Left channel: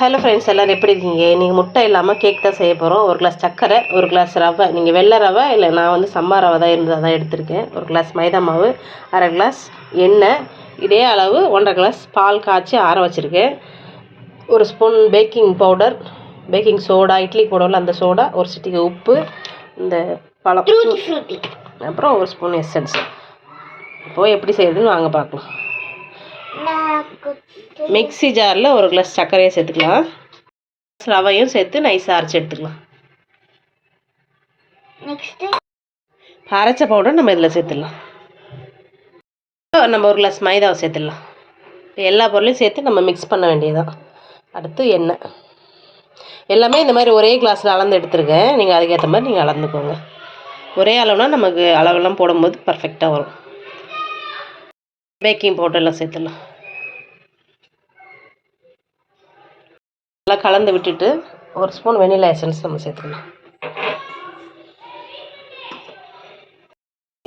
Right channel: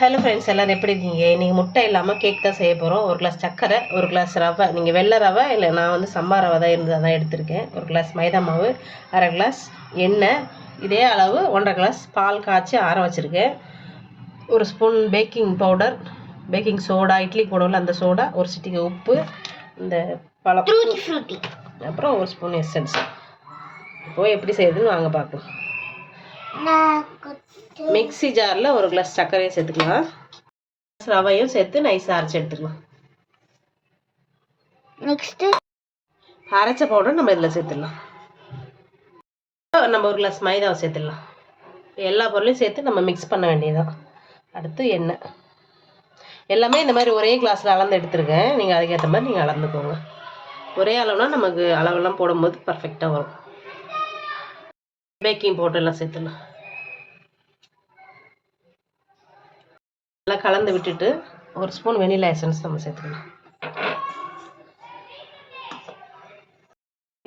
Hello friends எல்லோரும் எப்படி இருக்கீங்க? நீங்கள் முட்டை இல்லாமல் கேக் தான் செய்ய போகிறோம் ஒரு கிளாஸ் சர்க்கரை ஒரு கிளாஸ் ரவை. நீங்கள் வெள்ளை ரவை இல்லை நான் வந்து சம்பா ரவை தான் இருந்தால் தான் எடுத்திருக்கேன். ஒரு கிளாஸ் மைதா மாவு அரை கிளாஸ் எண்ணெய் இதே அளவு ஒன்றரை கிளாஸ் பால் காய்ச்சி ஆற வச்சுருக்கேன். ஒரு spoon baking powder baking soda idli போடுவோம்ல அந்த சோடா ஒரு சிட்டிகை உப்பு இந்த பழம் அப்புறம் ஒரு ஸ்பூன் எசன்ஸ் இப்போது எப்படி செய்யுதுன்னு வாங்க பார்க்கலாம். மிக்ஸி ஜாரில் ஒரு கிளாஸ் சர்க்கரையை சேர்த்துக்கலாம். ரவையும் சேர்த்து நைஸாக அரைச்சி எடுத்துக்கலாம். நெக்ஸ்ட் அரைச்ச பவுடர் நம்ம இதில் சேர்த்துடலாம். நம்ம ஒரு கிளாஸ் மைதாவை சேர்த்துடலாம். எல்லா பொருளையும் சேர்த்து நம்ம மிக்ஸ் பண்ண வேண்டியதுதான். அடுத்து எண்ணெய். எல்லாமே இந்த மாதிரி ஒரே கிளாஸில் அளந்து எடுத்துருக்கேன். நீங்கள் அதுக்கேற்ற மாதிரி நீங்கள் அளந்துக்கோங்க. ஒரே அளவுனா நமக்கு அளவெல்லாம் போடும்போது பர்ஃபெக்டாக வரும். பேக்கிங் பவுடர்லாம் சேர்த்துடலாம். நல்லா கலந்து விட்டுட்டு ஒரு ஸ்பூன் வெனிலா எசன்ஸ் நம்ம சேர்த்துக்கலாம்.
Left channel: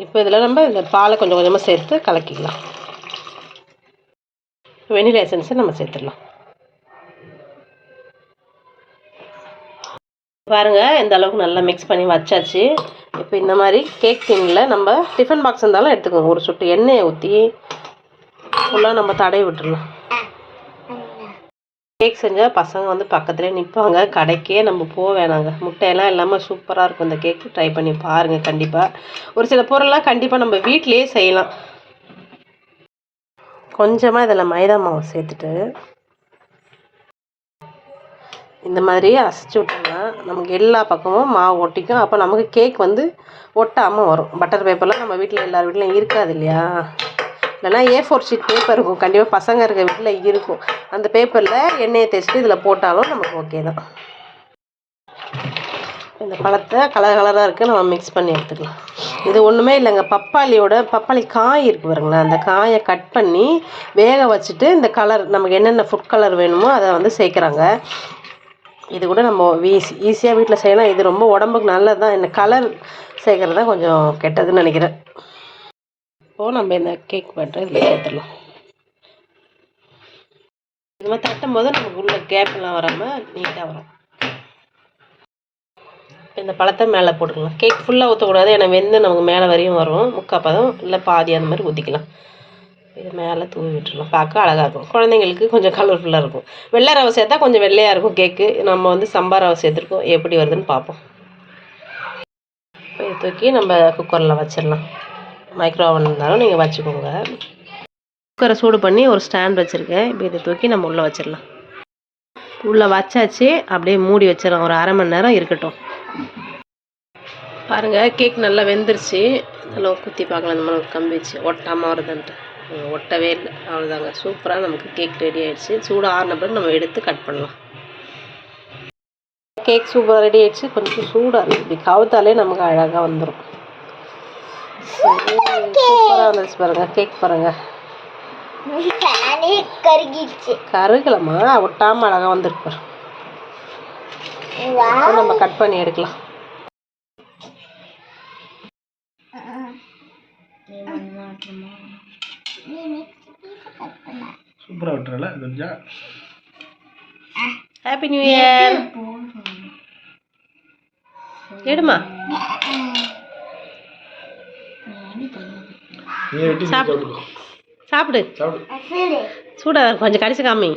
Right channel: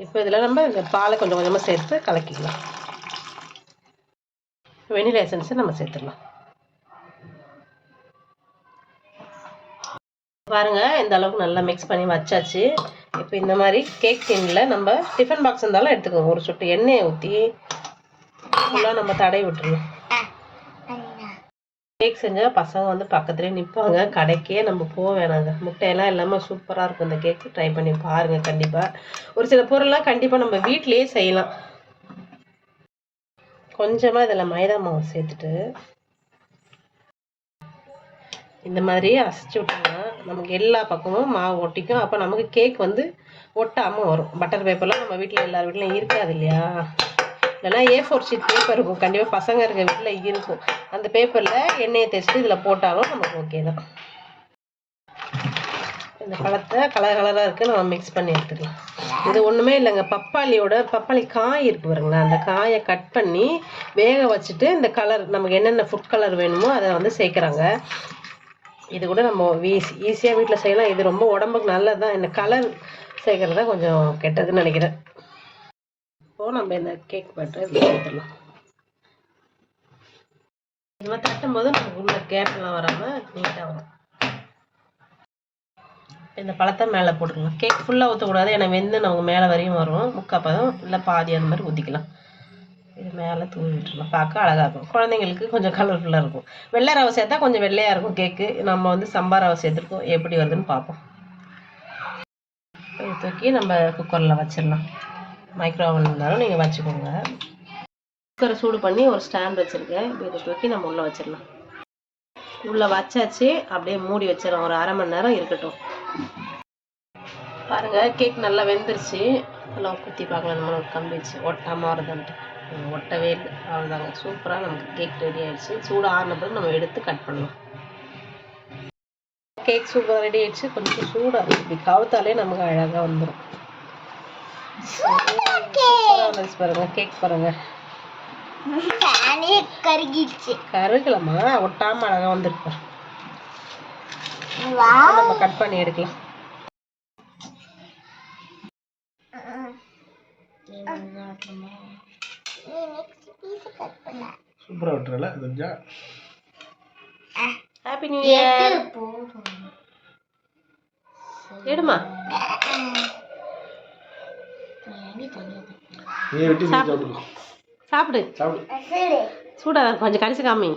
இப்போ இதில் நம்ம இந்த பாலை கொஞ்சம் கொஞ்சமாக சேர்த்து கலக்கிக்கலாம். வெனிலா எசன்ஸை நம்ம சேர்த்துடலாம். பாருங்கள் இந்த அளவுக்கு நல்லா மிக்ஸ் பண்ணி வச்சாச்சு. இப்போ இந்த மாதிரி கேக் டின்னில் நம்ம டிஃபன் பாக்ஸ் இருந்தாலும் எடுத்துக்கோங்க. ஒரு சொட்டு எண்ணெயை ஊற்றி ஃபுல்லாக நம்ம தடவி விட்டுடலாம் கேக் செஞ்சால் பசங்க வந்து பக்கத்துலேயே நிற்பாங்க கடைக்கே நம்ம போக வேணாங்க. முட்டையெல்லாம் இல்லாமல் சூப்பராக இருக்கும் இந்த கேக்கு ட்ரை பண்ணி பாருங்கள் கண்டிப்பாக ஒரு சில பொருள்லாம் கண்டிப்பாக நம்ம வீட்டிலேயே செய்யலாம். கொஞ்சமாக இதில் மைதா மாவு சேர்த்துட்டு இந்த மாதிரி அசைச்சு விட்டோம்னா நமக்கு எல்லா பக்கமும் மாவு ஒட்டிக்கும். அப்போ நமக்கு கேக் வந்து ஒட்டாமல் வரும். பட்டர் பேப்பர்லாம் நம்ம வீட்டில் எல்லார் வீட்லையும் இருக்காது இல்லையா? இல்லைனா ஏ ஃபோர் ஷீட் பேப்பர் இருக்கும். கண்டிப்பாக பசங்க இருக்க வீட்டில் இருக்கும். அந்த பேப்பரில் எண்ணெயை தேய்ச்சிட்டு இதில் போட்டாலும் நமக்கு ஓகே தான். இந்த பழத்தை கலர் கலராக இருக்குது நம்ம மிக்ஸ் பண்ணி எடுத்துக்கலாம். இது ஒன்றுமே இல்லைங்க. பப்பாளியோட பப்பாளி காய் இருக்குது பாருங்களேன். அந்த காயை கட் பண்ணி வேக வச்சுட்டு இந்த கலர் நமக்கு என்னென்ன ஃபுட் கலர் வேணுமோ அதை வந்து சேர்க்குறாங்க. இது கூட நம்ம ஈஸி ஈஸியாக வீட்டில் செய்யலாம். இது ரொம்ப உடம்புக்கு நல்லது தான் இந்த கலர் சேர்க்குறது தான் கொஞ்சம் கெட்டதுன்னு நினைக்கிறேன். இப்போது நம்ம இந்த கேக் பட்டரை இதில் சேர்த்துடலாம் இது மாதிரி தட்டும் போது நமக்கு உள்ள கேப்லாம் வராமல் நீட்டாக வரும். இந்த பழத்தை மேலே போட்டுக்கலாம். கேக் ஃபுல்லாக ஊற்றக்கூடாது ஏன்னா வெந்து நமக்கு மேலே வரையும் வரும். முக்கால் பதம் இல்லை பாதி அந்த மாதிரி ஊற்றிக்கலாம் இது மேலே தூவி விட்டுருலாம் பார்க்க அழகாக இருக்கும். குழந்தைங்களுக்கு கொஞ்சம் கலர்ஃபுல்லாக இருக்கும். வெள்ளை ரவை சேர்த்தா கொஞ்சம் வெள்ளையாக இருக்கும் கேக்கு நம்ம வந்து சம்பா ரவை சேர்த்துருக்கோம். எப்படி வருதுன்னு பார்ப்போம். தூக்கி நம்ம குக்கரில் வச்சிடலாம். மைக்ரோ ஓவன் இருந்தாலும் நீங்கள் வச்சுக்கோங்க. குக்கரை சூடு பண்ணி ஒரு ஸ்டாண்ட் வச்சுருக்கேன். இப்போ இதை தூக்கி நம்ம உள்ளே வச்சிடலாம். உள்ளே வச்சாச்சு அப்படியே மூடி வச்சிடலாம். ஒரு அரை மணி நேரம் இருக்கட்டும். பாருங்கள் கேக் நல்லா வெந்துருச்சு. நல்லா குத்தி பார்க்கலாம். இந்த மாதிரி கம்பி வச்சு ஒட்டாமல் வருதுன்ட்டு ஒட்டவே இல்லை. அவ்வளோதாங்க சூப்பராக நமக்கு கேக் ரெடி ஆகிடுச்சு சூடு ஆறின பிறகு நம்ம எடுத்து கட் பண்ணலாம். கேக் சூப்பராக ரெடி ஆகிடுச்சு கொஞ்சம் சூடாக இருக்குது இப்படி கவுத்தாலே நமக்கு அழகாக வந்துடும் சூப்பராக பாருங்கள் கேக் பாருங்கள் கருகிடுச்சு. கருகலம்மா ஒட்டாமல் அழகாக வந்திருக்கு நம்ம கட் பண்ணி எடுக்கலாம். சூப்பராக விட்டுறல தெரிஞ்சா ஹாப்பி நியூ இயர் எடுமா? சாப்பிடு. சூடா கொஞ்சம் கடிச்சு காமி.